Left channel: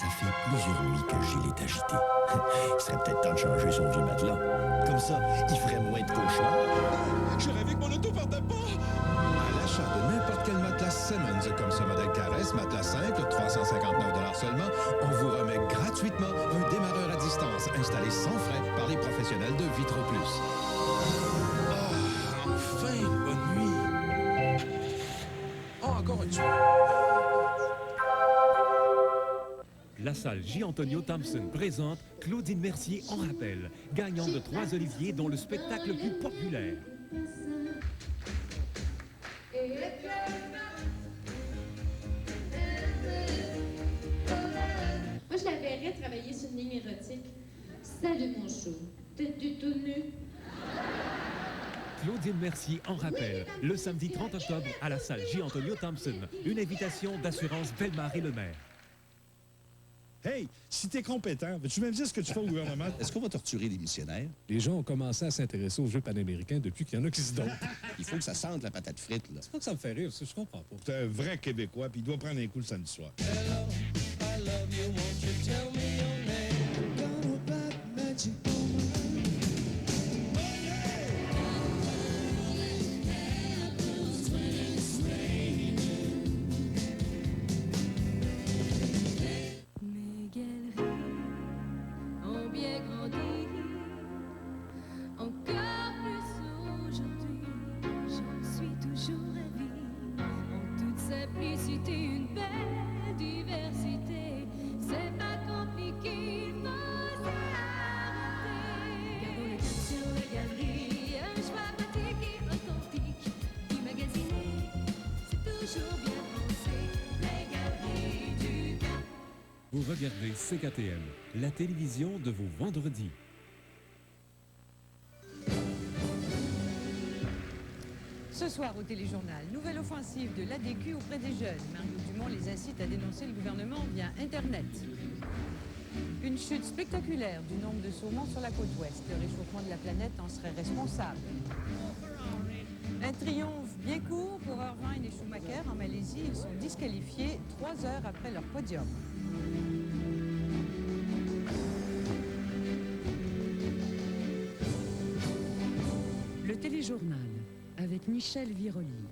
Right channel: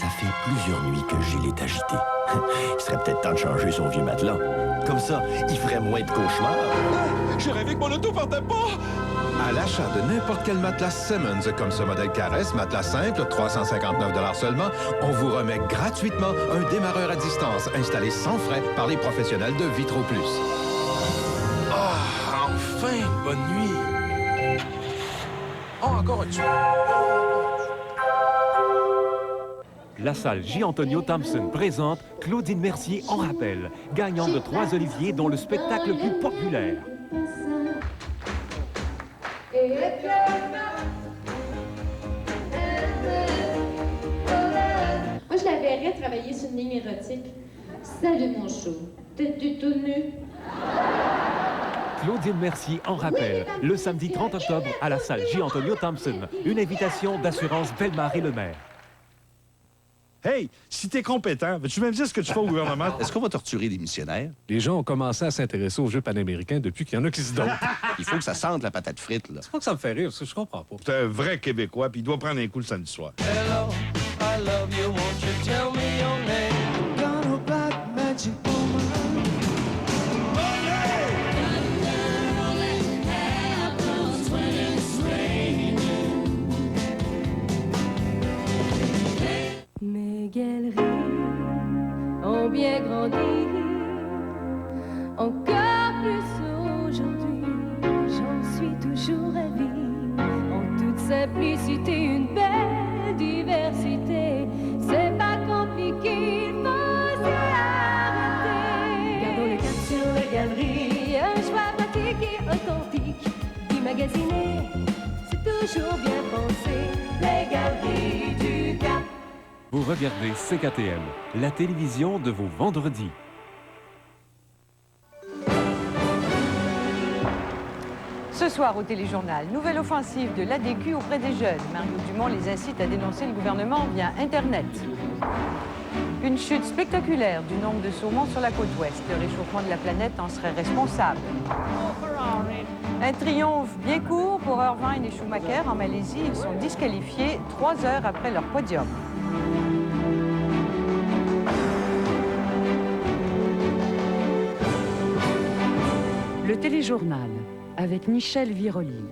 Ça fait plusieurs nuits que Gilles est agité. Il serait peut-être temps de changer son vieux matelas. Comme ça, il ferait moins de cauchemars. Ah, j'ai rêvé que mon auto partait pas! À l'achat de n'importe quel matelas Simmons, comme ce modèle Caresse, matelas simple, 359 seulement, on vous remet gratuitement un démarreur à distance installé sans frais par les professionnels de Vitro Plus. Ah, enfin une bonne nuit! Oh, encore un petit. La salle J. Antonio Thompson présente Claudine Mercier en rappel, gagnante de 3 Oliviers, dont le spectacle le plus populaire. Moi, je la verrais travailler sur une ligne érotique. Salut, mon chou. T'es tout nu? Claudine Mercier en rappel, le samedi 30 octobre à la salle J. Antonio Thompson. Une invitation d'Assurance Bellemare et Lemaire. Hey, si t'es compétent, veux-tu même dire ce que tu fais au gouvernement? Est-ce qu'on va torturer des missionnaires? Les gens ont commencé à s'intéresser aux Jeux panaméricains depuis qu'il y en a qui se donnent. Il faut que ça sente la patate frite, là. C'est pas que ça me fait rire, parce que je comprends pas. C'est un vrai Québécois, puis il doit prendre un coup le samedi soir. Hello, I love you, won't you tell me your name? Got no black magic woman. Mes galeries ont bien grandi, encore plus aujourd'hui, j'en suis toujours ravie. En toute simplicité, une belle diversité, c'est pas compliqué, il faut s'y arrêter. Gardons le cap sur les galeries, un choix pratique et authentique, immagasiné, c'est toujours bien pensé, les galeries du Cap. Vous regardez CKTM, la télévision de vos vendredis. Ce soir au Téléjournal, nouvelle offensive de l'ADQ auprès des jeunes. Mario Dumont les incite à dénoncer le gouvernement via Internet. Une chute spectaculaire du nombre de saumons sur la côte ouest. Le réchauffement de la planète en serait responsable. Un triomphe bien court pour Irvine et Schumacher en Malaisie. Ils sont disqualifiés 3 heures après leur podium. Le Téléjournal avec Michel Viroli.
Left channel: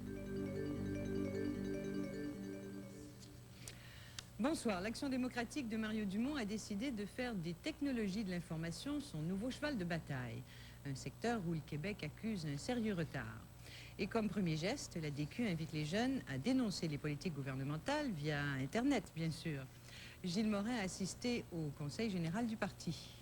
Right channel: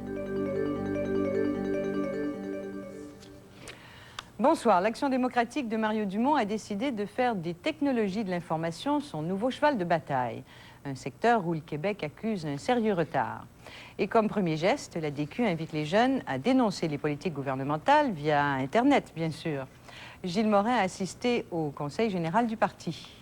Bonsoir. L'Action démocratique de Mario Dumont a décidé de faire des technologies de l'information son nouveau cheval de bataille. Un secteur où le Québec accuse un sérieux retard. Et comme premier geste, l'ADQ invite les jeunes à dénoncer les politiques gouvernementales via Internet, bien sûr. Gilles Morin a assisté au Conseil général du parti.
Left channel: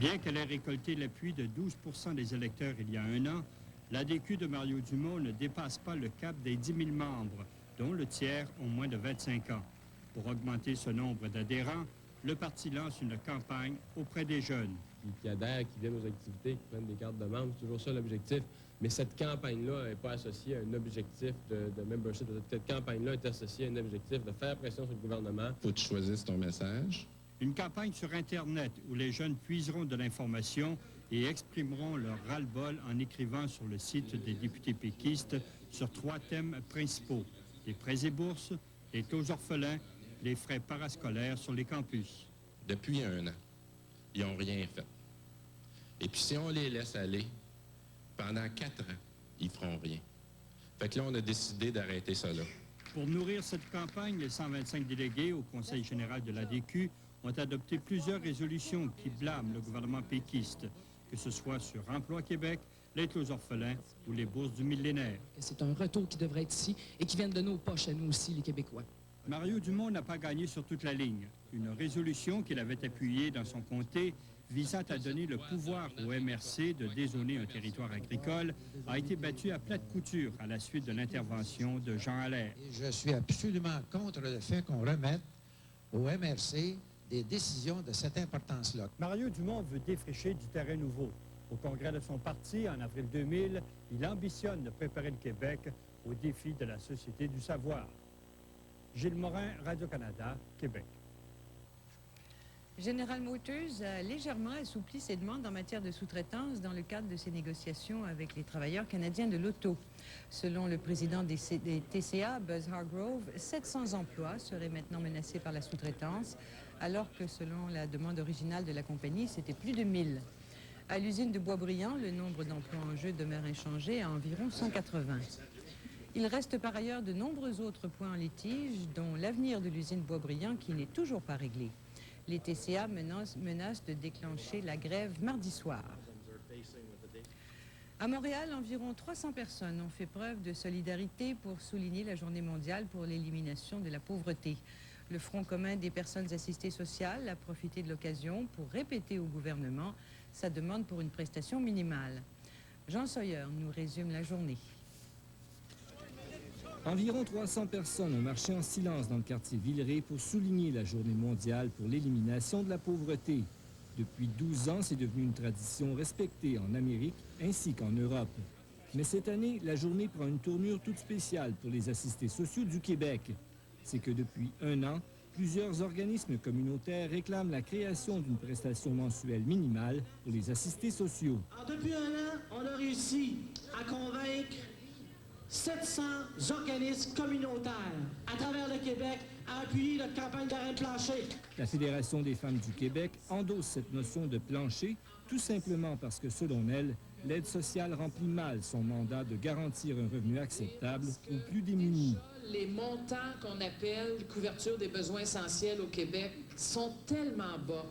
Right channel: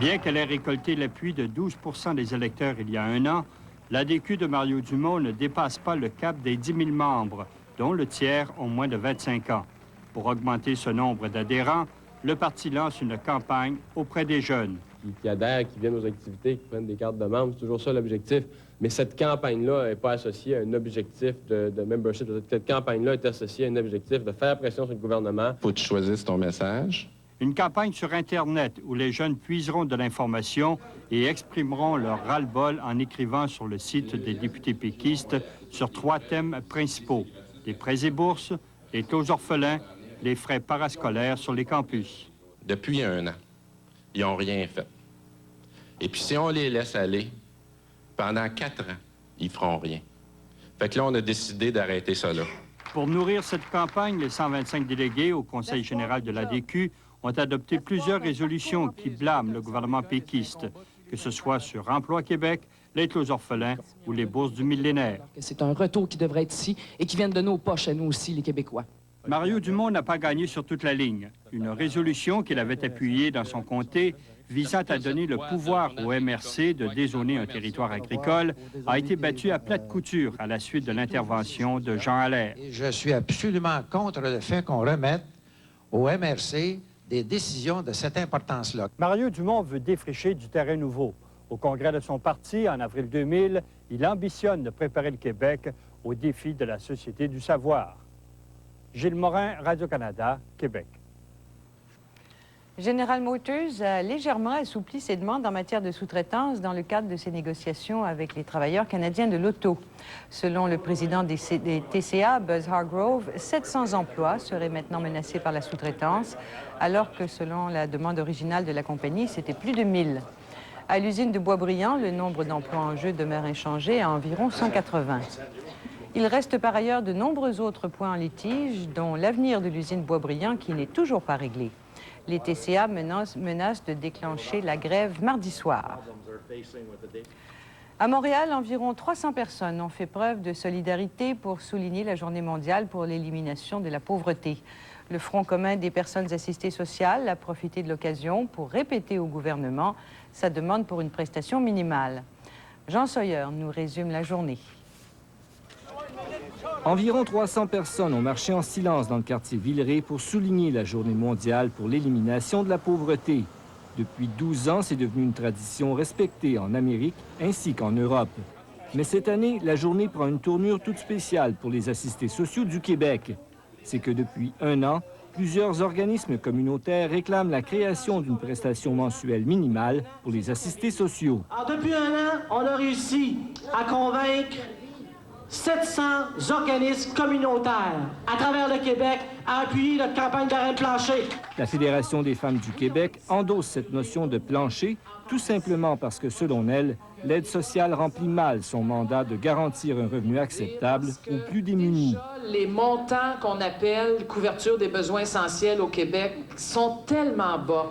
Bien qu'elle ait récolté l'appui de 12 % des électeurs il y a un an, l'ADQ de Mario Dumont ne dépasse pas le cap des 10 000 membres, dont le tiers ont moins de 25 ans. Pour augmenter ce nombre d'adhérents, le parti lance une campagne auprès des jeunes. Qui adhèrent, qui viennent aux activités, qui prennent des cartes de membres, c'est toujours ça l'objectif. Mais cette campagne-là n'est pas associée à un objectif de membership. Cette campagne-là est associée à un objectif de faire pression sur le gouvernement. Faut que tu choisisses ton message. Une campagne sur Internet où les jeunes puiseront de l'information et exprimeront leur ras-le-bol en écrivant sur le site des députés péquistes sur 3 thèmes principaux: les prêts et bourses, les taux orphelins, les frais parascolaires sur les campus. Depuis un an, ils n'ont rien fait. Et puis si on les laisse aller, pendant 4 ans, ils feront rien. Fait que là, on a décidé d'arrêter ça là. Pour nourrir cette campagne, les 125 délégués au Conseil général de l'ADQ ont adopté plusieurs résolutions qui blâment le gouvernement péquiste, que ce soit sur Emploi Québec, l'aide aux orphelins ou les bourses du millénaire. C'est un retour qui devrait être ici et qui vient de nos poches à nous aussi, les Québécois. Mario Dumont n'a pas gagné sur toute la ligne. Une résolution qu'il avait appuyée dans son comté visant à donner le pouvoir au MRC de dézoner un territoire agricole a été battue à plate couture à la suite de l'intervention de Jean Allaire. Je suis absolument contre le fait qu'on remette au MRC des décisions de cette importance-là. Mario Dumont veut défricher du terrain nouveau. Au congrès de son parti, en avril 2000, il ambitionne de préparer le Québec aux défis de la société du savoir. Gilles Morin, Radio-Canada, Québec. General Motors a légèrement assoupli ses demandes en matière de sous-traitance dans le cadre de ses négociations avec les travailleurs canadiens de l'auto. Selon le président des TCA, Buzz Hargrove, 700 emplois seraient maintenant menacés par la sous-traitance, alors que selon la demande originale de la compagnie, c'était plus de 1000. À l'usine de Boisbriand, le nombre d'emplois en jeu demeure inchangé à environ 180. Il reste par ailleurs de nombreux autres points en litige, dont l'avenir de l'usine Boisbriand qui n'est toujours pas réglé. Les TCA menacent de déclencher la grève mardi soir. À Montréal, environ 300 personnes ont fait preuve de solidarité pour souligner la Journée mondiale pour l'élimination de la pauvreté. Le Front commun des personnes assistées sociales a profité de l'occasion pour répéter au gouvernement sa demande pour une prestation minimale. Jean Sawyer nous résume la journée. Environ 300 personnes ont marché en silence dans le quartier Villeray pour souligner la Journée mondiale pour l'élimination de la pauvreté. Depuis 12 ans, c'est devenu une tradition respectée en Amérique ainsi qu'en Europe. Mais cette année, la journée prend une tournure toute spéciale pour les assistés sociaux du Québec. C'est que depuis 1 an, plusieurs organismes communautaires réclament la création d'une prestation mensuelle minimale pour les assistés sociaux. Alors, depuis 1 an, on a réussi à convaincre 700 organismes communautaires à travers le Québec à appuyer notre campagne d'arrêt plancher. La Fédération des femmes du Québec endosse cette notion de plancher, tout simplement parce que, selon elle, l'aide sociale remplit mal son mandat de garantir un revenu acceptable aux plus démunis. Les montants qu'on appelle couverture des besoins essentiels au Québec sont tellement bas,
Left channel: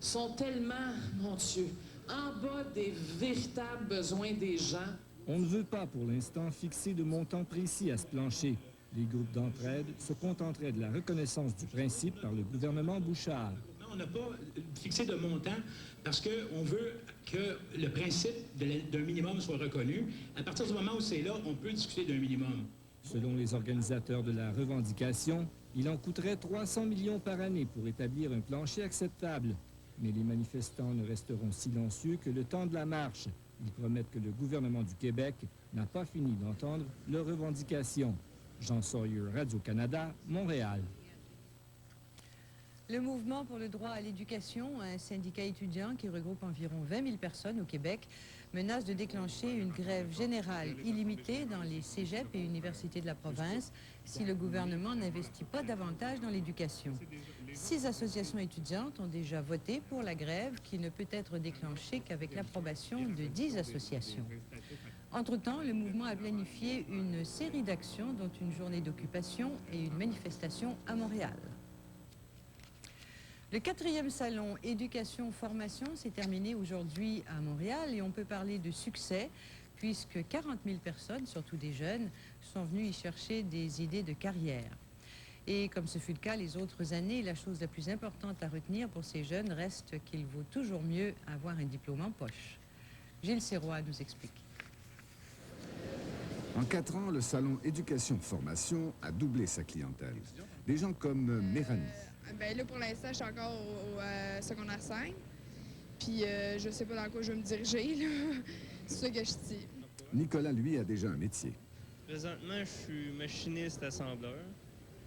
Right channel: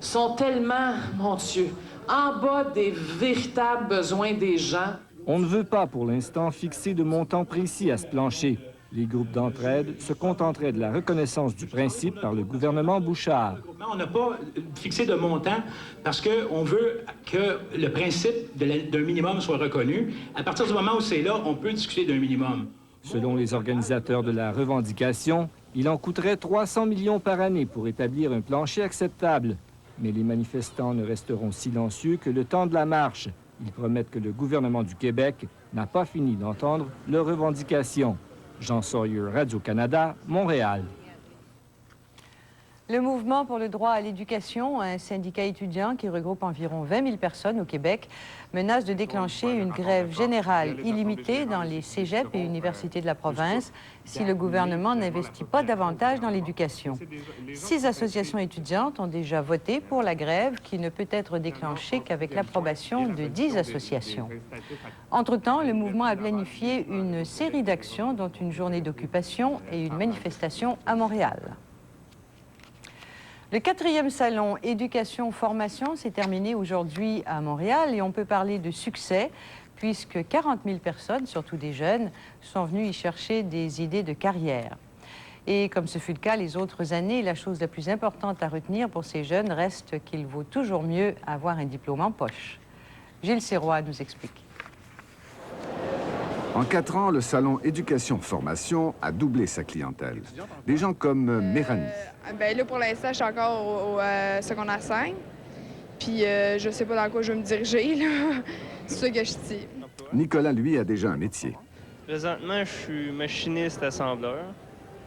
sont tellement, mon Dieu, en bas des véritables besoins des gens. On ne veut pas, pour l'instant, fixer de montant précis à ce plancher. Les groupes d'entraide se contenteraient de la reconnaissance du principe par le gouvernement Bouchard. On n'a pas fixé de montant parce qu'on veut que le principe d'un minimum soit reconnu. À partir du moment où c'est là, on peut discuter d'un minimum. Selon les organisateurs de la revendication, il en coûterait 300 millions par année pour établir un plancher acceptable. Mais les manifestants ne resteront silencieux que le temps de la marche. Ils promettent que le gouvernement du Québec n'a pas fini d'entendre leurs revendications. Jean Sawyer, Radio-Canada, Montréal. Le Mouvement pour le droit à l'éducation, un syndicat étudiant qui regroupe environ 20 000 personnes au Québec, menace de déclencher une grève générale illimitée dans les cégeps et universités de la province si le gouvernement n'investit pas davantage dans l'éducation. 6 associations étudiantes ont déjà voté pour la grève qui ne peut être déclenchée qu'avec l'approbation de 10 associations. Entre-temps, le mouvement a planifié une série d'actions, dont une journée d'occupation et une manifestation à Montréal. Le 4e salon Éducation-Formation s'est terminé aujourd'hui à Montréal et on peut parler de succès puisque 40 000 personnes, surtout des jeunes, sont venues y chercher des idées de carrière. Et comme ce fut le cas les autres années, la chose la plus importante à retenir pour ces jeunes reste qu'il vaut toujours mieux avoir un diplôme en poche. Gilles Sirois nous explique. En 4 ans, le salon Éducation-Formation a doublé sa clientèle. Des gens comme Méranie. Là, pour l'instant, je suis encore au secondaire 5. Puis je sais pas dans quoi je vais me diriger, là. C'est ça que je dis. Nicolas, lui, a déjà un métier. Présentement, je suis machiniste assembleur.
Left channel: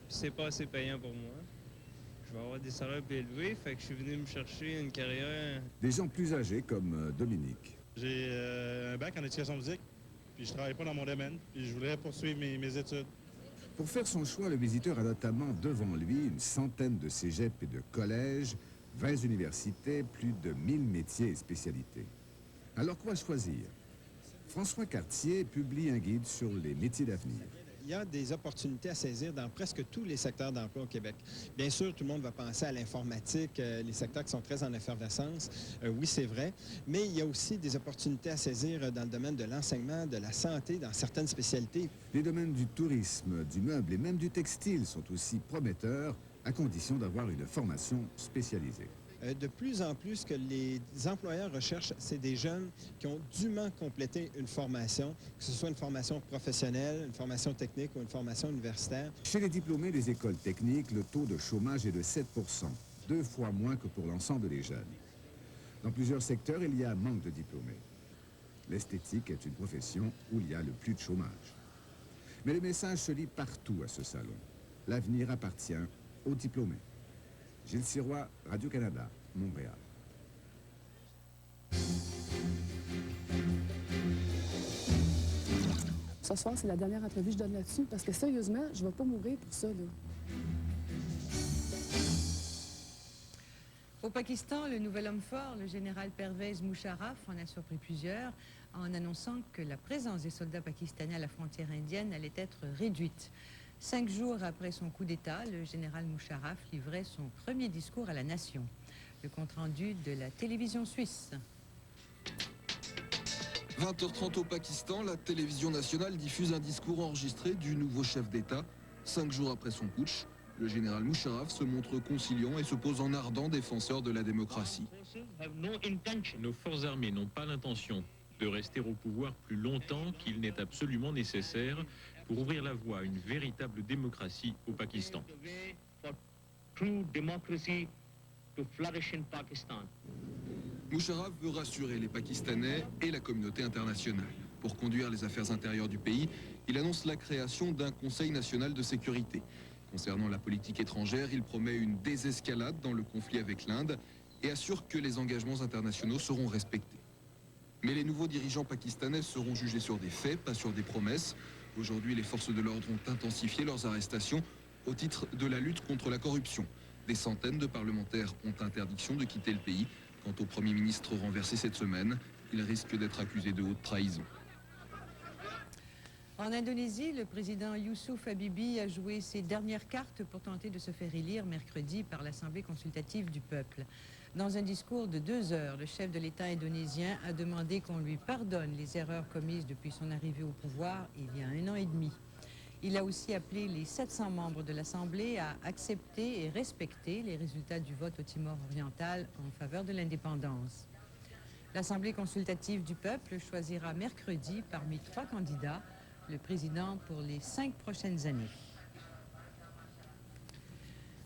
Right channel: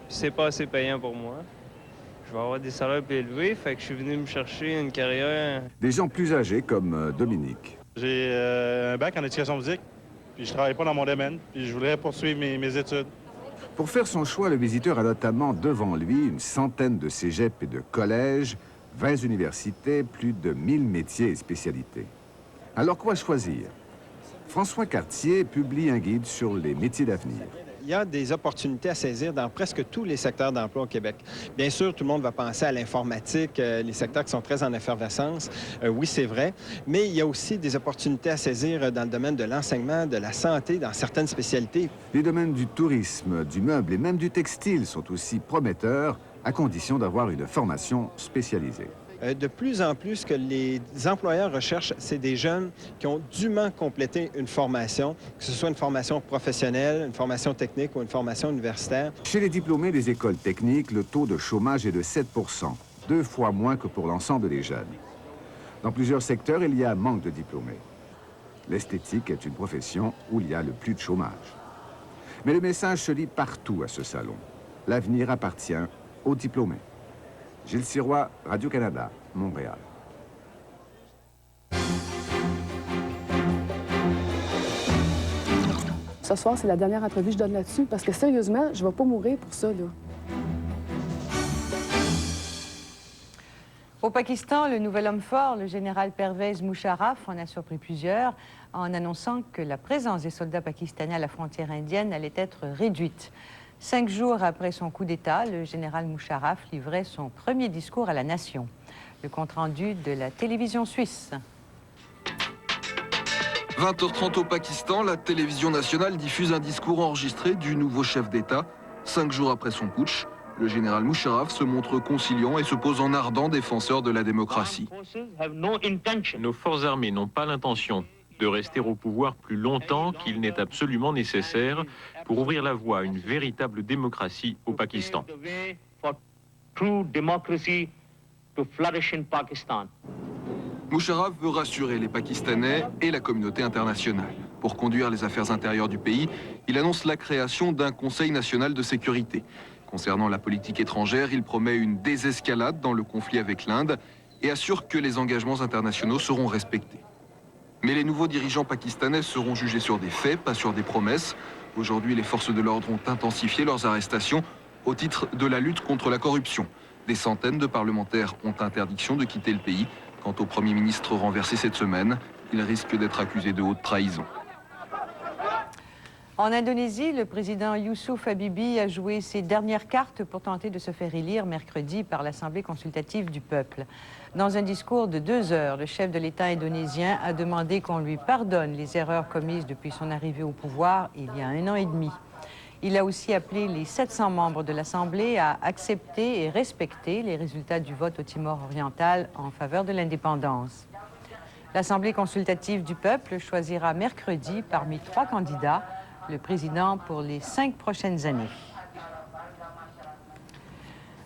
C'est pas assez payant pour moi. Je vais avoir des salaires plus élevés, fait que je suis venu me chercher une carrière. Des gens plus âgés comme Dominique. J'ai un bac en éducation physique, puis je travaille pas dans mon domaine, puis je voudrais poursuivre mes études. Pour faire son choix, le visiteur a notamment devant lui une centaine de cégeps et de collèges, 20 universités, plus de 1000 métiers et spécialités. Alors quoi choisir? François Cartier publie un guide sur les métiers d'avenir. Il y a des opportunités à saisir dans presque tous les secteurs d'emploi au Québec. Bien sûr, tout le monde va penser à l'informatique, les secteurs qui sont très en effervescence. Oui, c'est vrai. Mais il y a aussi des opportunités à saisir dans le domaine de l'enseignement, de la santé, dans certaines spécialités. Les domaines du tourisme, du meuble et même du textile sont aussi prometteurs, à condition d'avoir une formation spécialisée. De plus en plus, ce que les employeurs recherchent, c'est des jeunes qui ont dûment complété une formation, que ce soit une formation professionnelle, une formation technique ou une formation universitaire. Chez les diplômés des écoles techniques, le taux de chômage est de 7 %, 2 fois moins que pour l'ensemble des jeunes. Dans plusieurs secteurs, il y a manque de diplômés. L'esthétique est une profession où il y a le plus de chômage. Mais le message se lit partout à ce salon. L'avenir appartient aux diplômés. Gilles Sirois, Radio-Canada, Montréal. Ce soir, c'est la dernière entrevue que je donne là-dessus, parce que sérieusement, je ne vais pas mourir pour ça, là. Au Pakistan, le nouvel homme fort, le général Pervez Musharraf, en a surpris plusieurs en annonçant que la présence des soldats pakistanais à la frontière indienne allait être réduite. 5 jours après son coup d'État, le général Musharraf livrait son premier discours à la nation. Le compte-rendu de la télévision suisse. 20h30 au Pakistan, la télévision nationale diffuse un discours enregistré du nouveau chef d'État. 5 jours après son putsch, le général Musharraf se montre conciliant et se pose en ardent défenseur de la démocratie. Nos forces armées n'ont pas l'intention de rester au pouvoir plus longtemps qu'il n'est absolument nécessaire pour ouvrir la voie à une véritable démocratie au Pakistan. Musharraf veut rassurer les Pakistanais et la communauté internationale. Pour conduire les affaires intérieures du pays, il annonce la création d'un Conseil national de sécurité. Concernant la politique étrangère, il promet une désescalade dans le conflit avec l'Inde et assure que les engagements internationaux seront respectés. Mais les nouveaux dirigeants pakistanais seront jugés sur des faits, pas sur des promesses. Aujourd'hui, les forces de l'ordre ont intensifié leurs arrestations au titre de la lutte contre la corruption. Des centaines de parlementaires ont interdiction de quitter le pays. Quant au Premier ministre renversé cette semaine, il risque d'être accusé de haute trahison. En Indonésie, le président Youssouf Habibie a joué ses dernières cartes pour tenter de se faire élire mercredi par l'Assemblée consultative du peuple. Dans un discours de 2 heures, le chef de l'État indonésien a demandé qu'on lui pardonne les erreurs commises depuis son arrivée au pouvoir il y a 1 an et demi. Il a aussi appelé les 700 membres de l'Assemblée à accepter et respecter les résultats du vote au Timor oriental en faveur de l'indépendance. L'Assemblée consultative du peuple choisira mercredi parmi 3 candidats le président pour les 5 prochaines années.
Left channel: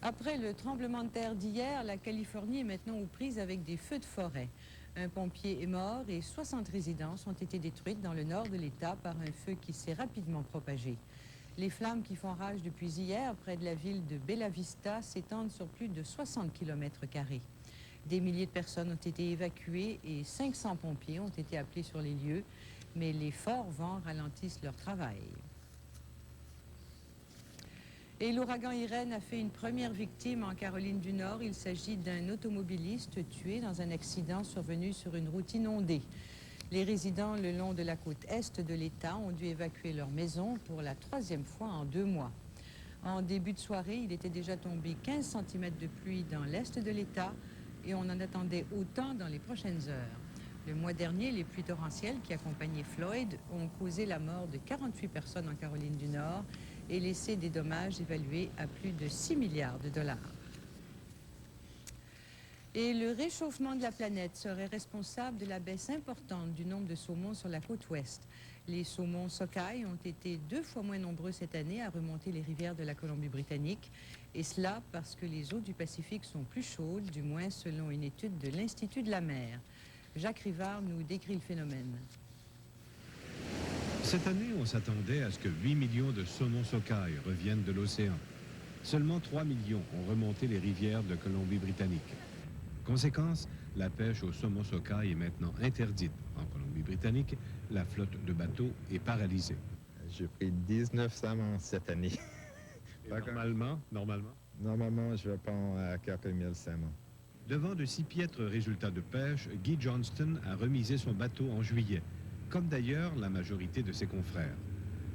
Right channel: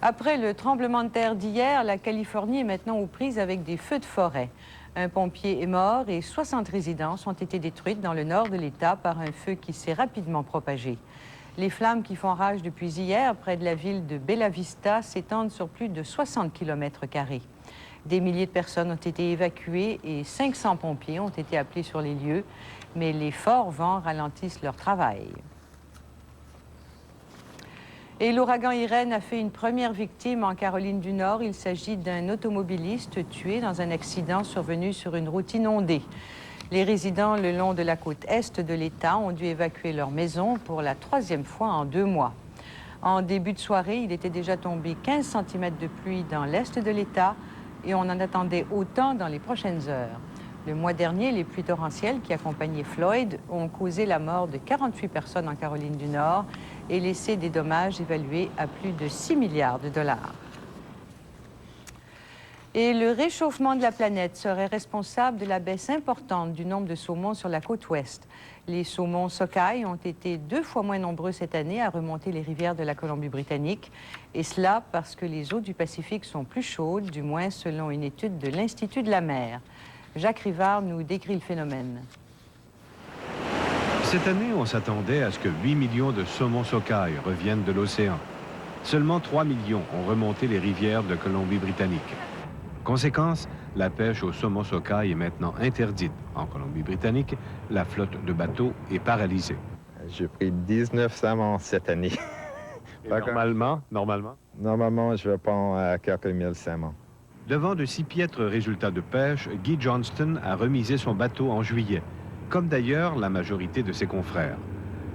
Après le tremblement de terre d'hier, la Californie est maintenant aux prises avec des feux de forêt. Un pompier est mort et 60 résidences ont été détruites dans le nord de l'État par un feu qui s'est rapidement propagé. Les flammes qui font rage depuis hier près de la ville de Bella Vista s'étendent sur plus de 60 km². Des milliers de personnes ont été évacuées et 500 pompiers ont été appelés sur les lieux, mais les forts vents ralentissent leur travail. Et l'ouragan Irène a fait une première victime en Caroline du Nord. Il s'agit d'un automobiliste tué dans un accident survenu sur une route inondée. Les résidents le long de la côte est de l'État ont dû évacuer leur maison pour la 3e fois en 2 mois. En début de soirée, il était déjà tombé 15 cm de pluie dans l'est de l'État et on en attendait autant dans les prochaines heures. Le mois dernier, les pluies torrentielles qui accompagnaient Floyd ont causé la mort de 48 personnes en Caroline du Nord et laissé des dommages évalués à plus de 6 milliards de dollars. Et le réchauffement de la planète serait responsable de la baisse importante du nombre de saumons sur la côte ouest. Les saumons sockeye ont été 2 fois moins nombreux cette année à remonter les rivières de la Colombie-Britannique. Et cela parce que les eaux du Pacifique sont plus chaudes, du moins selon une étude de l'Institut de la mer. Jacques Rivard nous décrit le phénomène. Cette année, on s'attendait à ce que 8 millions de saumons sockeye reviennent de l'océan. Seulement 3 millions ont remonté les rivières de Colombie-Britannique. Conséquence, la pêche au saumon sockeye est maintenant interdite. En Colombie-Britannique, la flotte de bateaux est paralysée. J'ai pris 19 saumons cette année. Normalement? Normalement, je vais prendre à quelques mille saumons. Devant de si piètres résultats de pêche, Guy Johnston a remisé son bateau en juillet, comme d'ailleurs la majorité de ses confrères.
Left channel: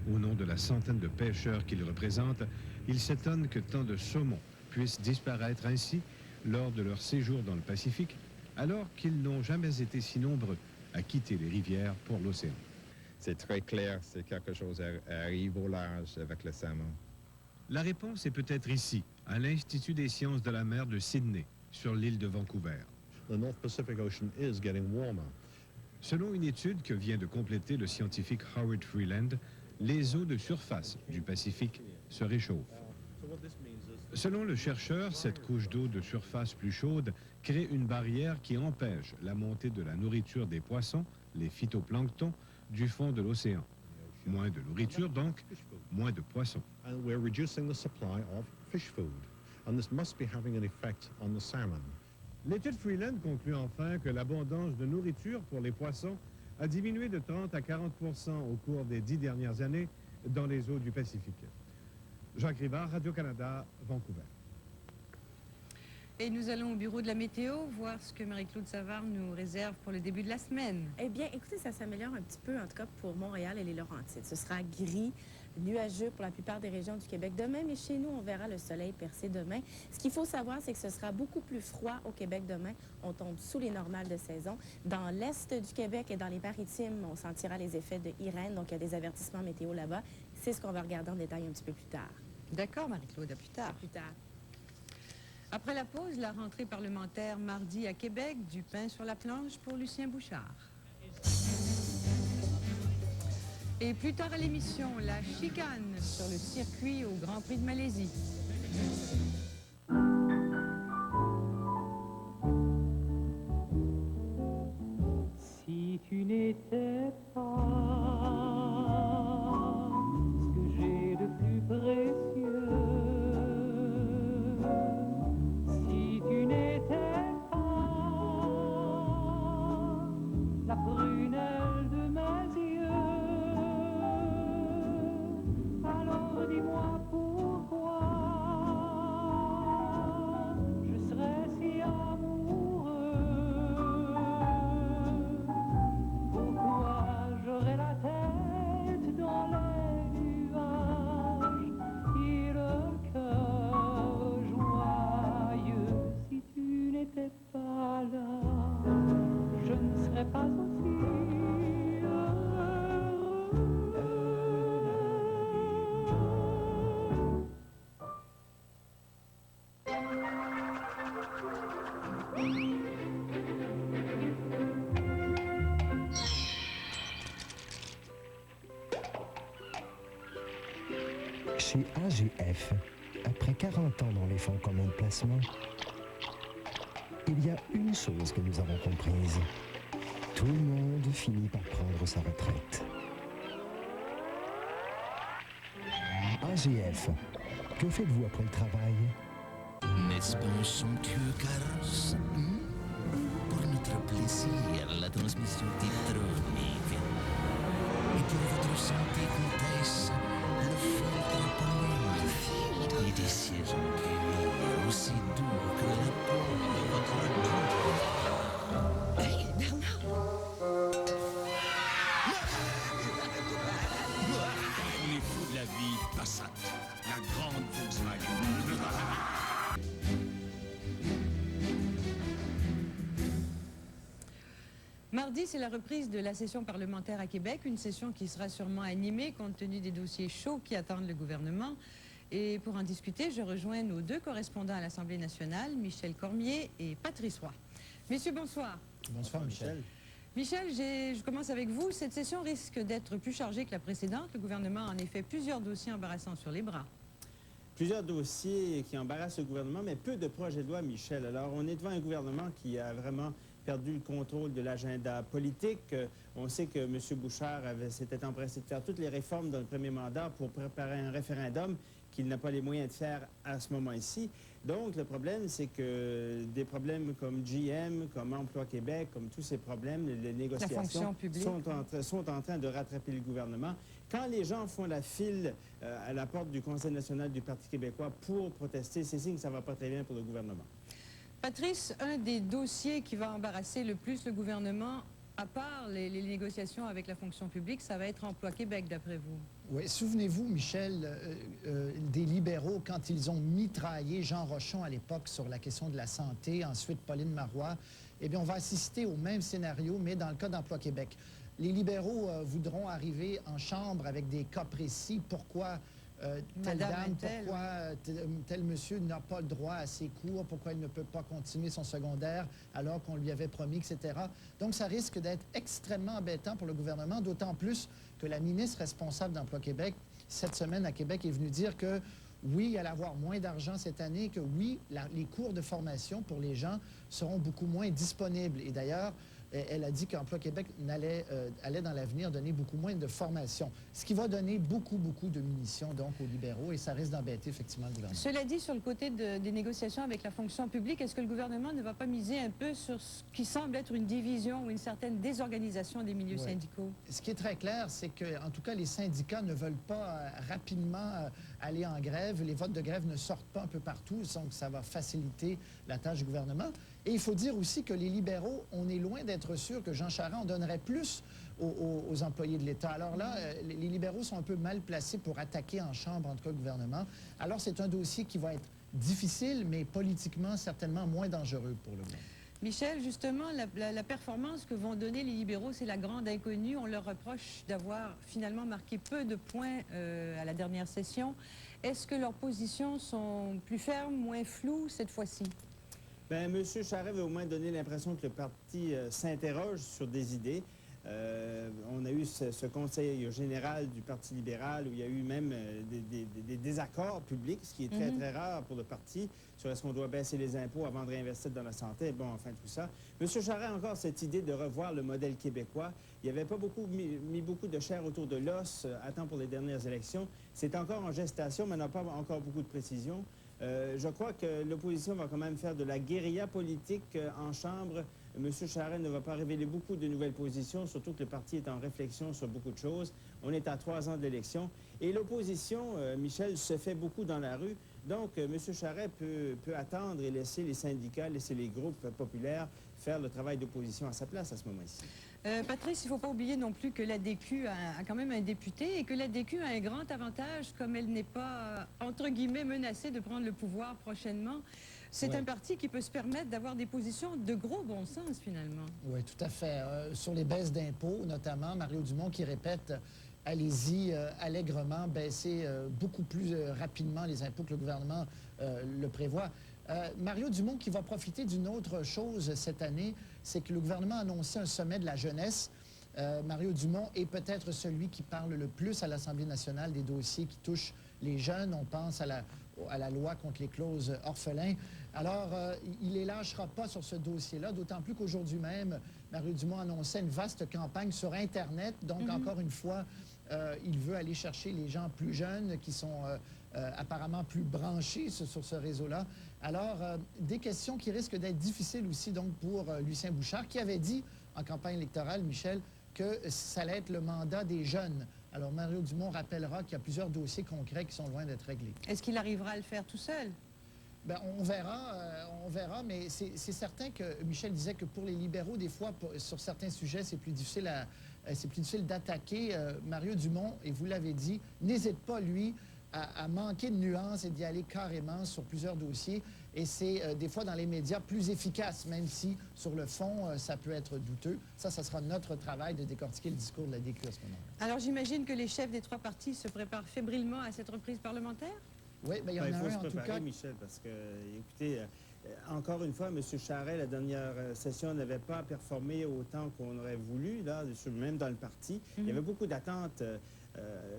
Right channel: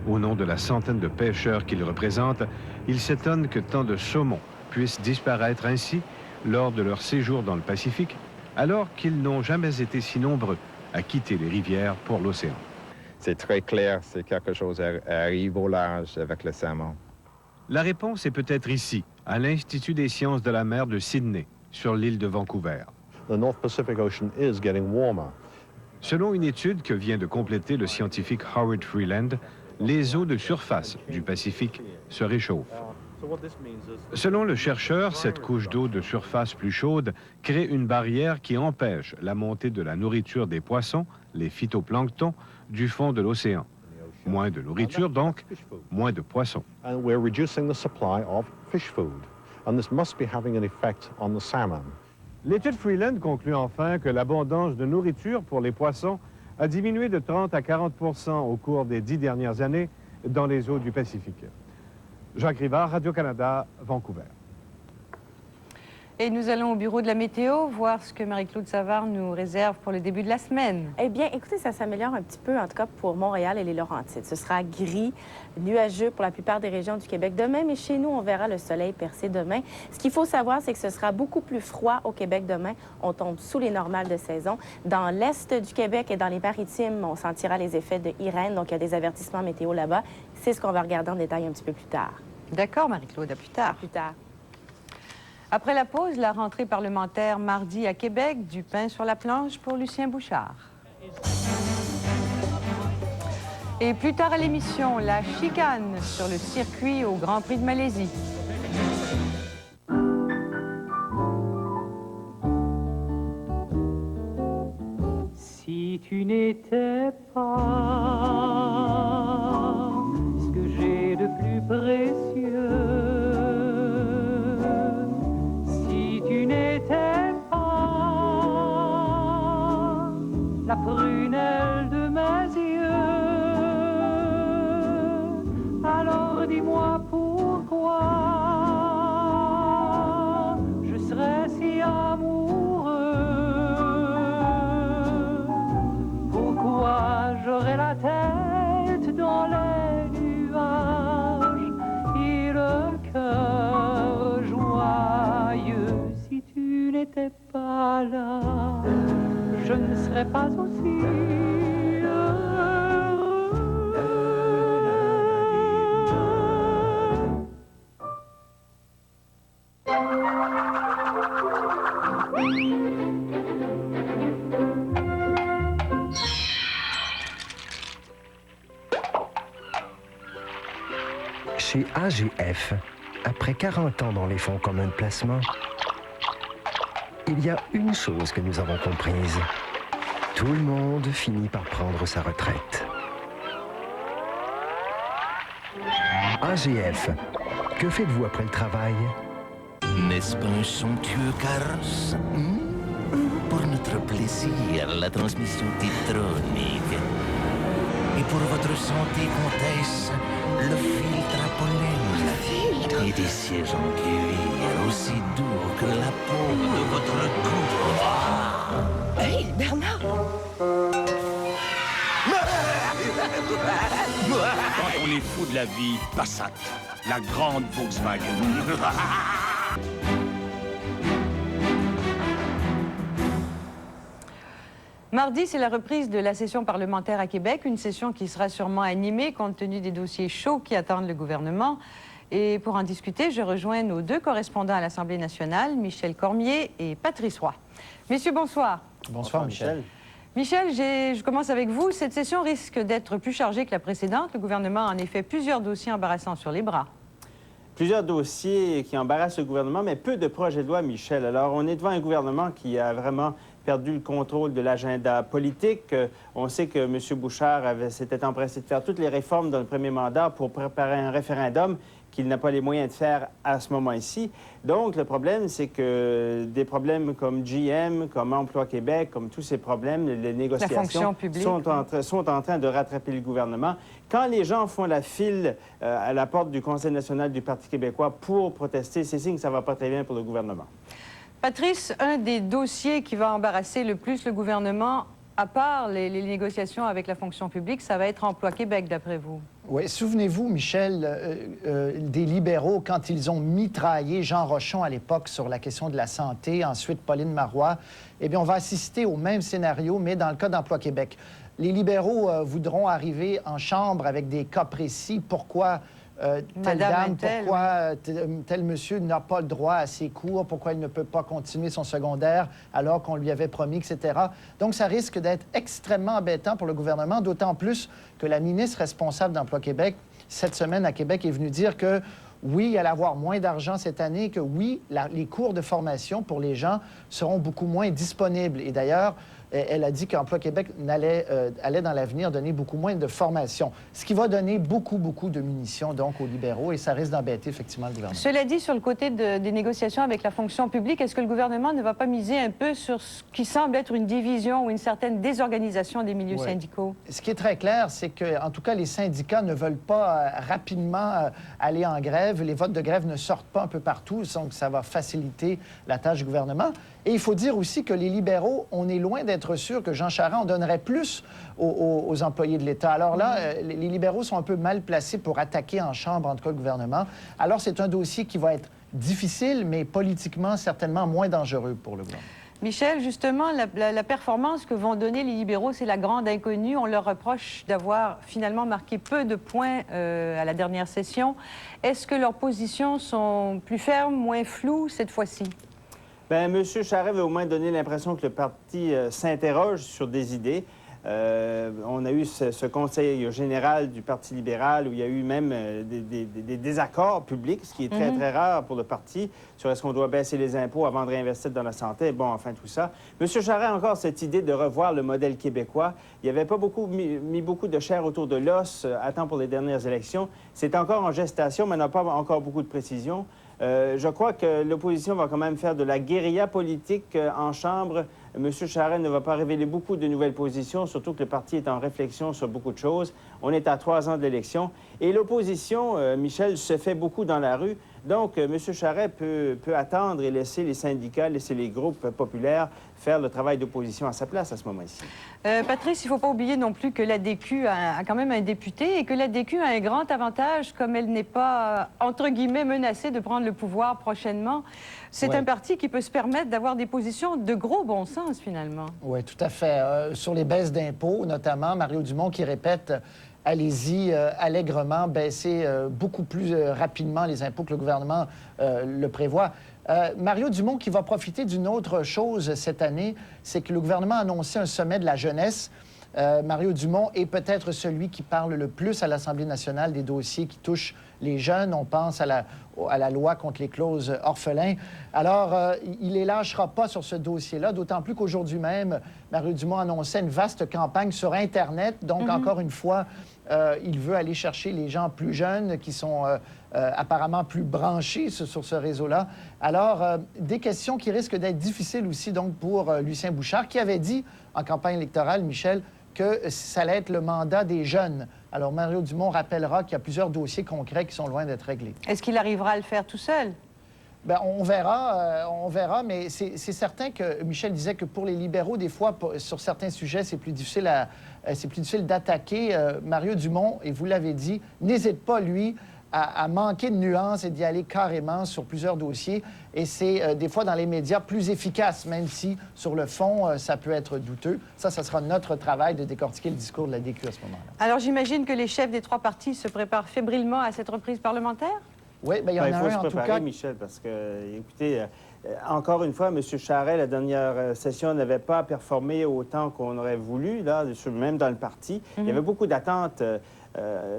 Au nom de la centaine de pêcheurs qu'il représente, il s'étonne que tant de saumons puissent disparaître ainsi lors de leur séjour dans le Pacifique, alors qu'ils n'ont jamais été si nombreux à quitter les rivières pour l'océan. C'est très clair, c'est quelque chose arrive au large avec le saumon. La réponse est peut-être ici, à l'Institut des sciences de la mer de Sydney, sur l'île de Vancouver. The North Pacific Ocean is getting warmer. Selon une étude que vient de compléter le scientifique Howard Freeland, les eaux de surface du Pacifique se réchauffent. Selon le chercheur, cette couche d'eau de surface plus chaude crée une barrière qui empêche la montée de la nourriture des poissons, les phytoplanctons, du fond de l'océan. Moins de nourriture donc, moins de poissons. And we're reducing the supply of fish food. and this must be having an effect on the salmon. L'étude Freeland conclut enfin que l'abondance de nourriture pour les poissons a diminué de 30 à 40 % au cours des 10 dernières années dans les eaux du Pacifique. Jacques Rivard, Radio-Canada, Vancouver. Et nous allons au bureau de la météo voir ce que Marie-Claude Savard nous réserve pour le début de la semaine. Eh bien, écoutez, ça s'améliore un petit peu, en tout cas pour Montréal et les Laurentides. Ce sera gris, nuageux pour la plupart des régions du Québec demain, mais chez nous, on verra le soleil percer demain. Ce qu'il faut savoir, c'est que ce sera beaucoup plus froid au Québec demain. On tombe sous les normales de saison. Dans l'est du Québec et dans les Maritimes, on sentira les effets de Irène, donc il y a des avertissements météo là-bas. C'est ce qu'on va regarder en détail un petit peu plus tard. D'accord, Marie-Claude, à plus tard. À plus tard. Après la pause, la rentrée parlementaire mardi à Québec, du pain sur la planche pour Lucien Bouchard. Et plus tard à l'émission, la chicane sur le circuit au Grand Prix de Malaisie. Si tu n'étais pas ce que j'ai de plus précieux, n'était pas la prunelle de mes yeux, alors dis-moi pourquoi je serais si amoureux, pourquoi j'aurais la tête dans les nuages et le cœur joyeux. Si tu n'étais pas là, je ne serais pas aussi heureux. Chez AGF, après 40 ans dans les fonds communs de placement, il y a une chose que nous avons comprise. Tout le monde finit par prendre sa retraite. AGF, que faites-vous après le travail? N'est-ce pas un somptueux carrosse? Pour notre plaisir, la transmission tétronique. Et pour votre santé, comtesse, le filtre à pollen. Le filtre? Et des sièges en cuir aussi doux que la peau de votre cou. Hey, Bernard! Quand on est fou de la vie, Passat, la grande Volkswagen. Mardi, c'est la reprise de la session parlementaire à Québec, une session qui sera sûrement animée compte tenu des dossiers chauds qui attendent le gouvernement. Et pour en discuter, je rejoins nos deux correspondants à l'Assemblée nationale, Michel Cormier et Patrice Roy. Messieurs, bonsoir. Bonsoir, Michel. Michel, je commence avec vous. Cette session risque d'être plus chargée que la précédente. Le gouvernement a en effet plusieurs dossiers embarrassants sur les bras. Plusieurs dossiers qui embarrassent le gouvernement, mais peu de projets de loi, Michel. Alors, on est devant un gouvernement qui a vraiment perdu le contrôle de l'agenda politique. On sait que M. Bouchard s'était empressé de faire toutes les réformes dans le premier mandat pour préparer un référendum qu'il n'a pas les moyens de faire à ce moment-ci. Donc, le problème, c'est que des problèmes comme GM, comme Emploi Québec, comme tous ces problèmes, les négociations sont en train de rattraper le gouvernement. Quand les gens font la file à la porte du Conseil national du Parti québécois pour protester, c'est signe que ça ne va pas très bien pour le gouvernement. Patrice, un des dossiers qui va embarrasser le plus le gouvernement, à part les négociations avec la fonction publique, ça va être Emploi Québec, d'après vous. Oui, souvenez-vous, Michel, des libéraux, quand ils ont mitraillé Jean Rochon à l'époque sur la question de la santé, ensuite Pauline Marois, eh bien, on va assister au même scénario, mais dans le cas d'Emploi Québec. Les libéraux voudront arriver en chambre avec des cas précis. Pourquoi telle dame, pourquoi tel monsieur n'a pas le droit à ses cours, pourquoi il ne peut pas continuer son secondaire alors qu'on lui avait promis, etc. Donc, ça risque d'être extrêmement embêtant pour le gouvernement, d'autant plus que la ministre responsable d'Emploi Québec, cette semaine à Québec, est venue dire que oui, il allait avoir moins d'argent cette année, que oui, les cours de formation pour les gens seront beaucoup moins disponibles. Et d'ailleurs, Elle a dit qu'Emploi Québec allait dans l'avenir donner beaucoup moins de formation, ce qui va donner beaucoup de munitions donc aux libéraux et ça risque d'embêter effectivement le gouvernement. Cela dit, sur le côté des négociations avec la fonction publique, est-ce que le gouvernement ne va pas miser un peu sur ce qui semble être une division ou une certaine désorganisation des milieux syndicaux? Ce qui est très clair, c'est que, en tout cas, les syndicats ne veulent pas rapidement aller en grève. Les votes de grève ne sortent pas un peu partout, donc ça va faciliter la tâche du gouvernement. Et il faut dire aussi que les libéraux, on est loin d'être sûr que Jean Charest en donnerait plus aux employés de l'État. Alors là, les libéraux sont un peu mal placés pour attaquer en chambre, en tout cas, le gouvernement. Alors c'est un dossier qui va être difficile, mais politiquement, certainement moins dangereux pour le gouvernement. Michel, justement, la performance que vont donner les libéraux, c'est la grande inconnue. On leur reproche d'avoir finalement marqué peu de points à la dernière session. Est-ce que leurs positions sont plus fermes, moins floues cette fois-ci? Bien, M. Charest veut au moins donner l'impression que le parti s'interroge sur des idées. On a eu ce conseil général du Parti libéral où il y a eu même des désaccords publics, ce qui est très rare pour le parti, sur est-ce qu'on doit baisser les impôts avant de réinvestir dans la santé. Bon, enfin, tout ça. M. Charest a encore cette idée de revoir le modèle québécois. Il n'y avait pas mis beaucoup de chair autour de l'os à temps pour les dernières élections. C'est encore en gestation, mais n'a pas encore beaucoup de précision. Je crois que l'opposition va quand même faire de la guérilla politique en Chambre. M. Charest ne va pas révéler beaucoup de nouvelles positions, surtout que le parti est en réflexion sur beaucoup de choses. On est à 3 ans de l'élection. Et l'opposition, Michel, se fait beaucoup dans la rue. Donc, M. Charest peut attendre et laisser les syndicats, laisser les groupes populaires faire le travail d'opposition à sa place à ce moment-ci. Patrice, il ne faut pas oublier non plus que l'ADQ a quand même un député et que l'ADQ a un grand avantage, comme elle n'est pas, entre guillemets, menacée de prendre le pouvoir prochainement. C'est un parti qui peut se permettre d'avoir des positions de gros bon sens, finalement. Oui, tout à fait. Sur les baisses d'impôts, notamment, Mario Dumont qui répète allez-y allègrement, baisser beaucoup plus rapidement les impôts que le gouvernement le prévoit. Mario Dumont qui va profiter d'une autre chose cette année, c'est que le gouvernement a annoncé un sommet de la jeunesse. Mario Dumont est peut-être celui qui parle le plus à l'Assemblée nationale des dossiers qui touchent les jeunes. On pense à la loi contre les clauses orphelins. Alors, il ne les lâchera pas sur ce dossier-là, d'autant plus qu'aujourd'hui même, Mario Dumont annonçait une vaste campagne sur Internet. Donc, encore une fois, il veut aller chercher les gens plus jeunes qui sont apparemment plus branchés sur ce réseau-là. Alors, des questions qui risquent d'être difficiles aussi donc pour Lucien Bouchard, qui avait dit en campagne électorale, Michel, que ça allait être le mandat des jeunes. Alors, Mario Dumont rappellera qu'il y a plusieurs dossiers concrets qui sont loin d'être réglés. Est-ce qu'il arrivera à le faire tout seul? Bien, on verra, mais c'est certain que Michel disait que pour les libéraux, des fois, sur certains sujets, c'est plus difficile d'attaquer. Mario Dumont, et vous l'avez dit, n'hésite pas, lui, à manquer de nuances et d'y aller carrément sur plusieurs dossiers. Et c'est des fois dans les médias plus efficace, même si sur le fond, ça peut être douteux. Ça sera notre travail de décortiquer le discours de la DQ à ce moment-là. Alors j'imagine que les chefs des 3 partis se préparent fébrilement à cette reprise parlementaire? Oui, bien, il y en a un en tout cas. Michel, parce que, écoutez, encore une fois, M. Charest, la dernière session, n'avait pas performé autant qu'on aurait voulu, là, même dans le parti. Il y avait beaucoup d'attentes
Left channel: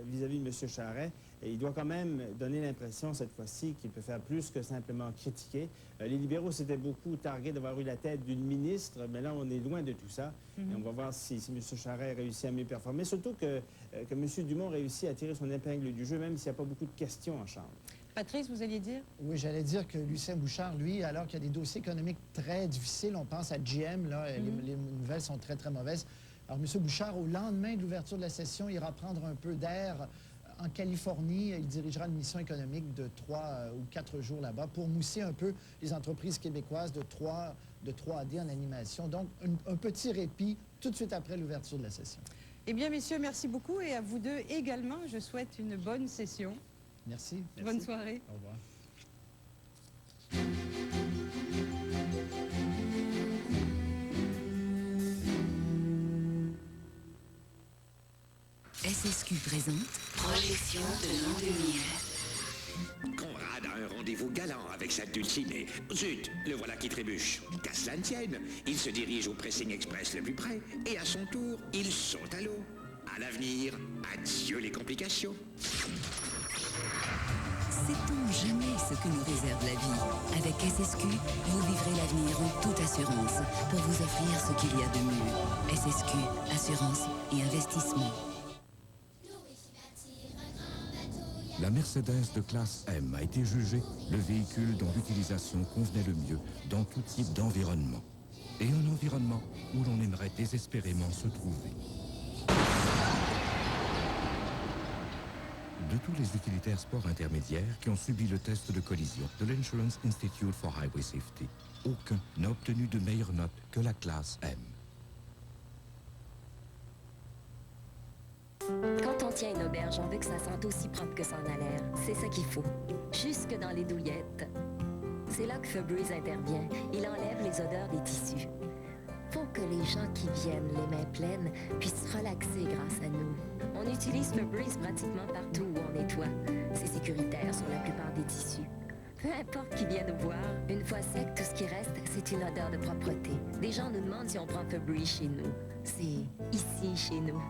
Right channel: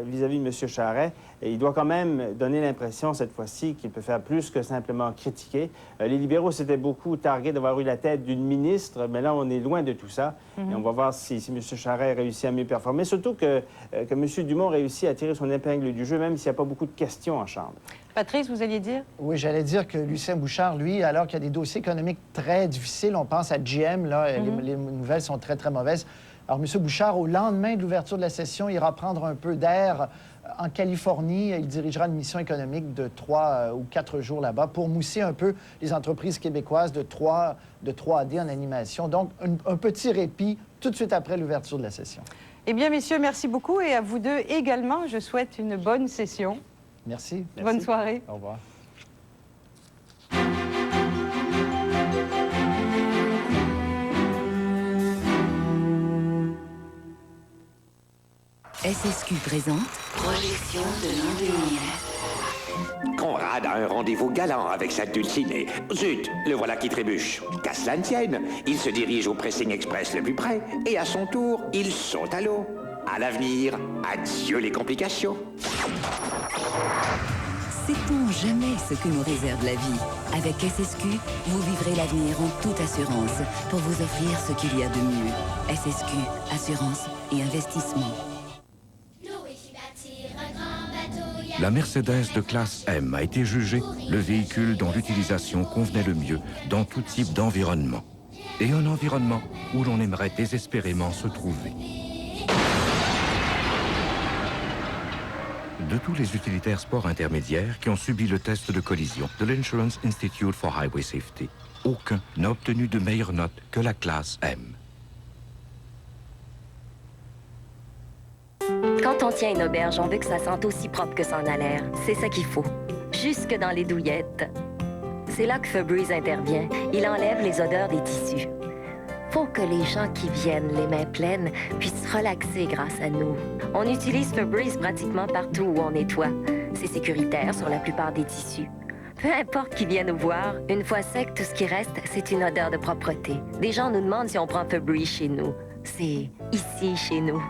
vis-à-vis de M. Charest. Et il doit quand même donner l'impression, cette fois-ci, qu'il peut faire plus que simplement critiquer. Les libéraux s'étaient beaucoup targués d'avoir eu la tête d'une ministre, mais là, on est loin de tout ça. Et on va voir si M. Charest réussit à mieux performer. Surtout que M. Dumont réussit à tirer son épingle du jeu, même s'il n'y a pas beaucoup de questions en Chambre. Patrice, vous alliez dire? Oui, j'allais dire que Lucien Bouchard, lui, alors qu'il y a des dossiers économiques très difficiles, on pense à GM, là, les nouvelles sont très, très mauvaises. Alors, M. Bouchard, au lendemain de l'ouverture de la session, ira prendre un peu d'air en Californie. Il dirigera une mission économique de 3 ou 4 jours là-bas pour mousser un peu les entreprises québécoises de 3D en animation. Donc, un petit répit tout de suite après l'ouverture de la session. Eh bien, messieurs, merci beaucoup. Et à vous deux également, je souhaite une bonne session. Merci. Bonne soirée. Au revoir. SSQ présente Projection de l'an 2000. Conrad a un rendez-vous galant avec sa dulcinée. Zut, le voilà qui trébuche. Qu'à cela ne tienne, il se dirige au pressing express le plus près et à son tour, il saute à l'eau. À l'avenir, adieu les complications. Sait-on jamais ce que nous réserve la vie? Avec SSQ, vous vivrez l'avenir en toute assurance pour vous offrir ce qu'il y a de mieux. SSQ, assurance et investissement. La Mercedes de classe M a été jugée le véhicule dont l'utilisation convenait le mieux dans tout type d'environnement. Et un environnement où l'on aimerait désespérément se trouver. De tous les utilitaires sport intermédiaires qui ont subi le test de collision de l'Insurance Institute for Highway Safety, aucun n'a obtenu de meilleure note que la classe M. Quand on tient une auberge, on veut que ça sente aussi propre que ça en a l'air. C'est ça qu'il faut. Jusque dans les douillettes. C'est là que Febreze intervient. Il enlève les odeurs des tissus. Faut que les gens qui viennent les mains pleines puissent relaxer grâce à nous. On utilise Febreze pratiquement partout où on nettoie. C'est sécuritaire sur la plupart des tissus. Peu importe qui vient nous voir, une fois sec, tout ce qui reste, c'est une odeur de propreté. Des gens nous demandent si on prend Febreze chez nous. C'est ici, chez nous.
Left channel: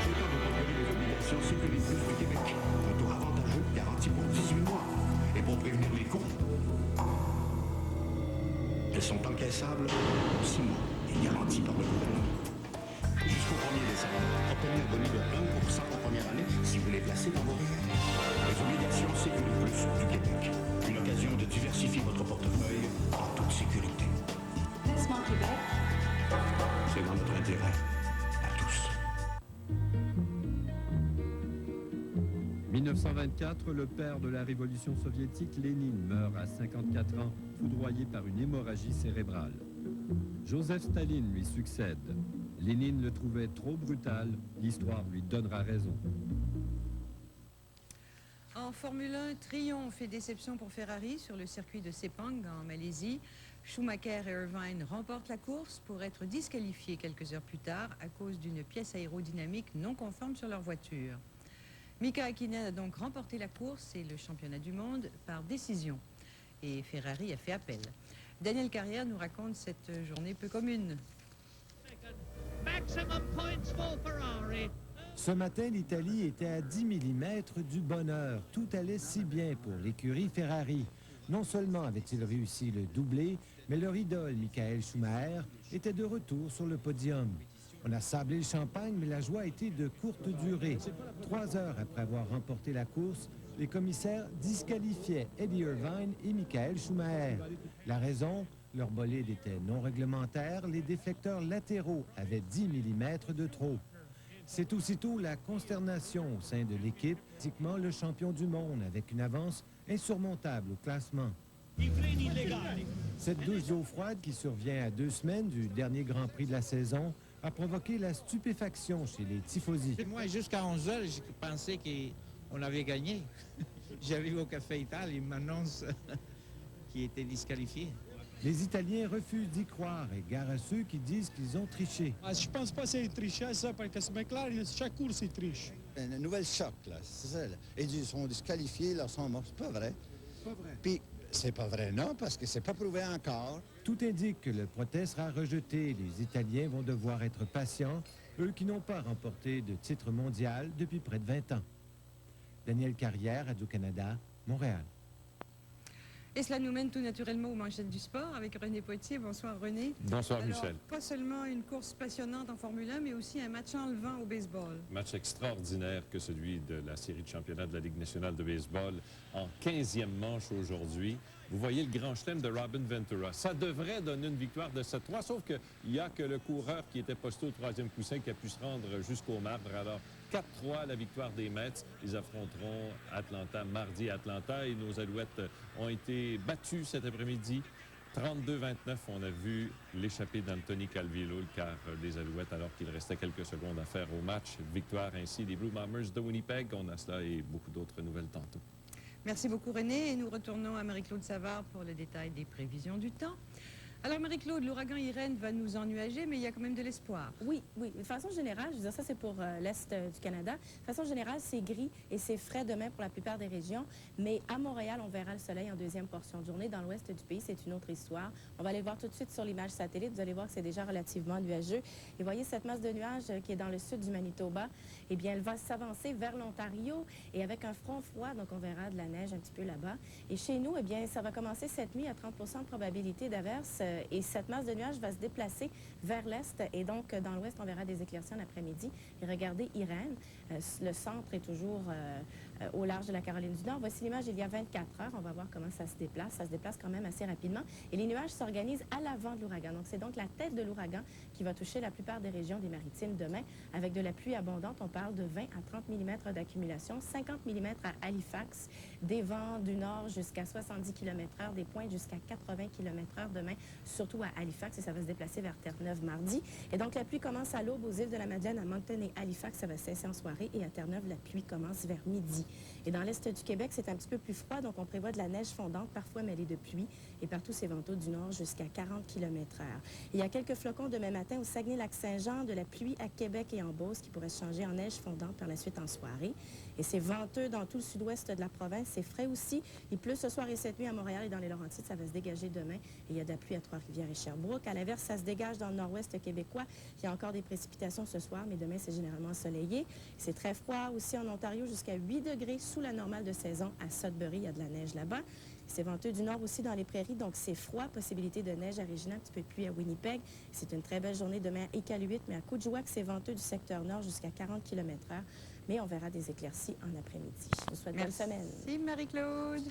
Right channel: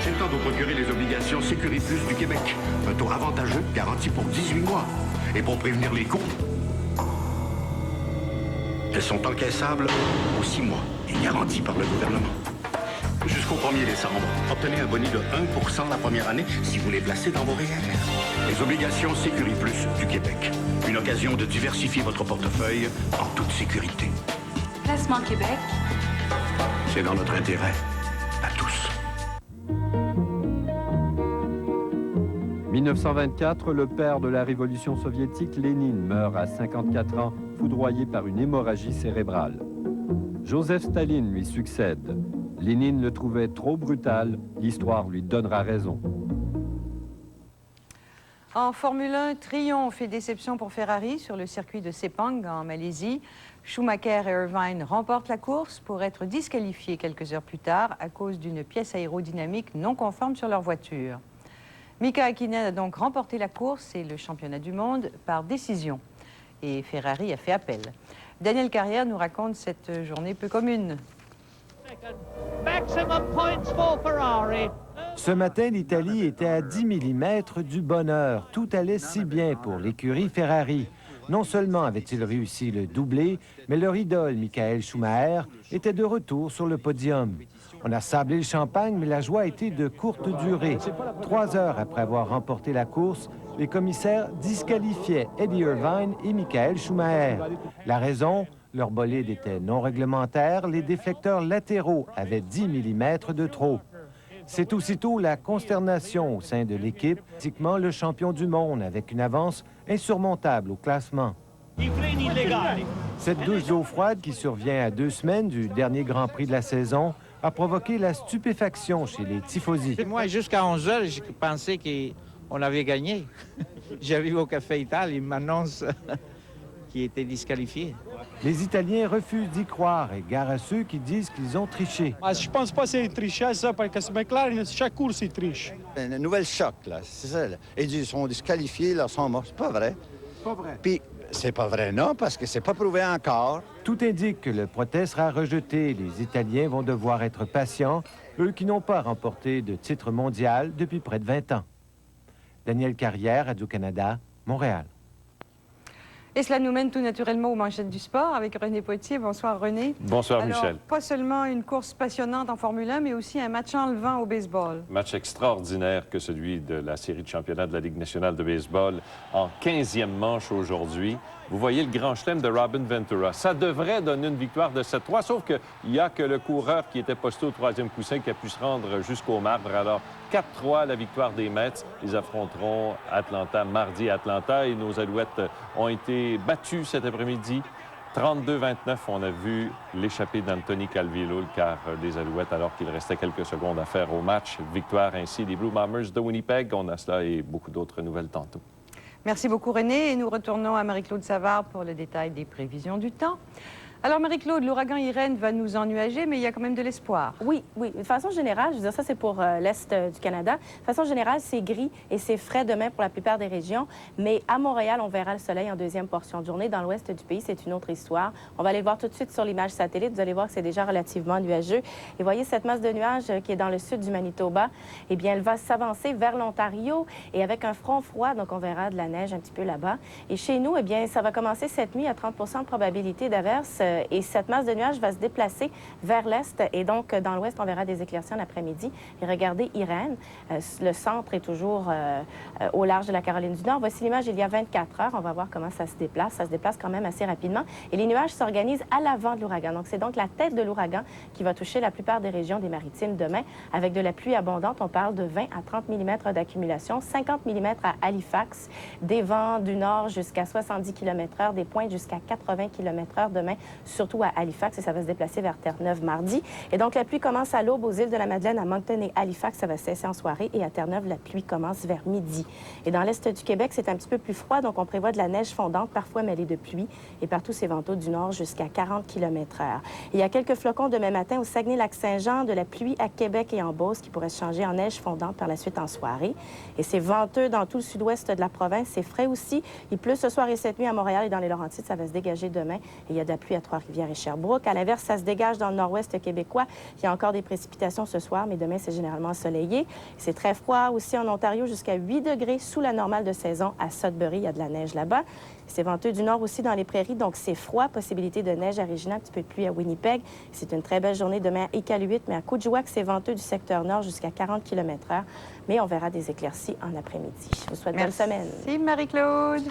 C'est le temps de vous procurer les obligations Sécuriplus du Québec. Un taux avantageux, garanti pour 18 mois. Et pour prévenir les coûts, elles sont encaissables aux 6 mois et garanties par le gouvernement. Jusqu'au 1er décembre, obtenez un boni de 1% la première année si vous les placez dans vos REER. Les obligations Sécuriplus du Québec. Une occasion de diversifier votre portefeuille en toute sécurité. Placement Québec. C'est dans notre intérêt, à tous. 1924, le père de la révolution soviétique, Lénine, meurt à 54 ans, foudroyé par une hémorragie cérébrale. Joseph Staline lui succède. Lénine le trouvait trop brutal, l'histoire lui donnera raison. En Formule 1, triomphe et déception pour Ferrari sur le circuit de Sepang en Malaisie. Schumacher et Irvine remportent la course pour être disqualifiés quelques heures plus tard à cause d'une pièce aérodynamique non conforme sur leur voiture. Mika Häkkinen a donc remporté la course et le championnat du monde par décision. Et Ferrari a fait appel. Daniel Carrière nous raconte cette journée peu commune. Ce matin, l'Italie était à 10 mm du bonheur. Tout allait si bien pour l'écurie Ferrari. Non seulement avait-il réussi le doublé, mais leur idole, Michael Schumacher, était de retour sur le podium. On a sablé le champagne, mais la joie a été de courte durée. 3 heures après avoir remporté la course, les commissaires disqualifiaient Eddie Irvine et Michael Schumacher. La raison? Leur bolide était non réglementaire, les déflecteurs latéraux avaient 10 mm de trop. C'est aussitôt la consternation au sein de l'équipe, pratiquement le champion du monde, avec une avance insurmontable au classement. Cette douche d'eau froide qui survient à 2 semaines du dernier Grand Prix de la saison a provoqué la stupéfaction chez les tifosi. Moi, jusqu'à 11 heures, je pensais qu'on avait gagné. J'arrive au Café Italie, ils m'annoncent qu'il était disqualifié. Les Italiens refusent d'y croire et gare à ceux qui disent qu'ils ont triché. Je pense pas que c'est triché, ça, parce que McLaren, chaque course, il triche. Une nouvelle choc, là, c'est ça. Là. Ils sont disqualifiés, là, sont morts. C'est pas vrai. Pas vrai. Puis, c'est pas vrai, non, parce que c'est pas prouvé encore. Tout indique que le procès sera rejeté. Les Italiens vont devoir être patients, eux qui n'ont pas remporté de titre mondial depuis près de 20 ans. Daniel Carrière, Radio-Canada, Montréal. Et cela nous mène tout naturellement aux manchettes du sport avec René Poitier. Bonsoir René. Bonsoir Alors, Michel. Pas seulement une course passionnante en Formule 1, mais aussi un match enlevant au baseball. Match extraordinaire que celui de la série de championnat de la Ligue nationale de baseball en 15e manche aujourd'hui. Vous voyez le grand chelem de Robin Ventura. Ça devrait donner une victoire de 7-3, sauf qu'il n'y a que le coureur qui était posté au 3e coussin qui a pu se rendre jusqu'au marbre. Alors, 4-3, la victoire des Mets. Ils affronteront Atlanta mardi à Atlanta et nos Alouettes ont été battus cet après-midi. 32-29, on a vu l'échappée d'Anthony Calvillo, le quart des Alouettes, alors qu'il restait quelques secondes à faire au match. Victoire ainsi des Blue Bombers de Winnipeg. On a cela et beaucoup d'autres nouvelles tantôt. Merci beaucoup René et nous retournons à Marie-Claude Savard pour le détail des prévisions du temps. Alors, Marie-Claude, l'ouragan Irène va nous ennuager, mais il y a quand même de l'espoir. Oui, oui. De façon générale, je veux dire, ça, c'est pour l'Est du Canada. De façon générale, c'est gris et c'est frais demain pour la plupart des régions. Mais à Montréal, on verra le soleil en deuxième portion de journée. Dans l'ouest du pays, c'est une autre histoire. On va aller voir tout de suite sur l'image satellite. Vous allez voir que c'est déjà relativement nuageux. Et voyez cette masse de nuages qui est dans le sud du Manitoba. Eh bien, elle va s'avancer vers l'Ontario et avec un front froid, donc on verra de la neige un petit peu là-bas. Et chez nous, eh bien, ça va commencer cette nuit à 30 % de probabilité d'averse. Et cette masse de nuages va se déplacer vers l'est. Et donc, dans l'ouest, on verra des éclaircies en après-midi. Et regardez Irène. Le centre est toujours au large de la Caroline du Nord. Voici l'image il y a 24 heures. On va voir comment ça se déplace. Ça se déplace quand même assez rapidement. Et les nuages s'organisent à l'avant de l'ouragan. Donc, c'est donc la tête de l'ouragan qui va toucher la plupart des régions des Maritimes demain. Avec de la pluie abondante, on parle de 20 à 30 mm d'accumulation, 50 mm à Halifax, des vents du nord jusqu'à 70 km/h, des pointes jusqu'à 80 km/h demain, surtout à Halifax, et ça va se déplacer vers Terre-Neuve mardi. Et donc, la pluie commence à l'aube aux îles de la Madeleine, à Moncton et Halifax. Ça va cesser en soirée. Et à Terre-Neuve, la pluie commence vers midi. Et dans l'est du Québec, c'est un petit peu plus froid. Donc, on prévoit de la neige fondante, parfois mêlée de pluie. Et partout, ces ventaux du nord jusqu'à 40 km/h. Il y a quelques flocons demain matin au Saguenay-Lac-Saint-Jean, de la pluie à Québec et en Beauce qui pourrait se changer en neige fondante par la suite en soirée. Et c'est venteux dans tout le sud-ouest de la province. C'est frais aussi. Il pleut ce soir et cette nuit à Montréal et dans les Laurentides. Ça va se dégager demain. Et il y a de la pluie à Trois-Rivières et Sherbrooke. À l'inverse, ça se dégage dans le nord-ouest québécois. Il y a encore des précipitations ce soir, mais demain, c'est généralement ensoleillé. C'est très froid aussi en Ontario, jusqu'à 8 degrés sous la normale de saison à Sudbury. Il y a de la neige là-bas. C'est venteux du nord aussi dans les prairies, donc c'est froid. Possibilité de neige à Regina, un petit peu de pluie à Winnipeg. C'est une très belle journée demain à Iqaluit, mais à Coudjouac, c'est venteux du secteur nord jusqu'à 40 km/h. Mais on verra des éclaircies en après-midi. Je vous souhaite bonne semaine. Merci, Marie-Claude.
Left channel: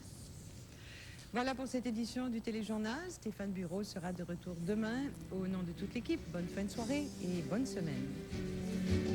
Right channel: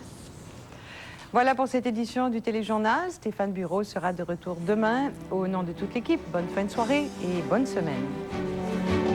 Voilà pour cette édition du Téléjournal. Stéphane Bureau sera de retour demain. Au nom de toute l'équipe, bonne fin de soirée et bonne semaine.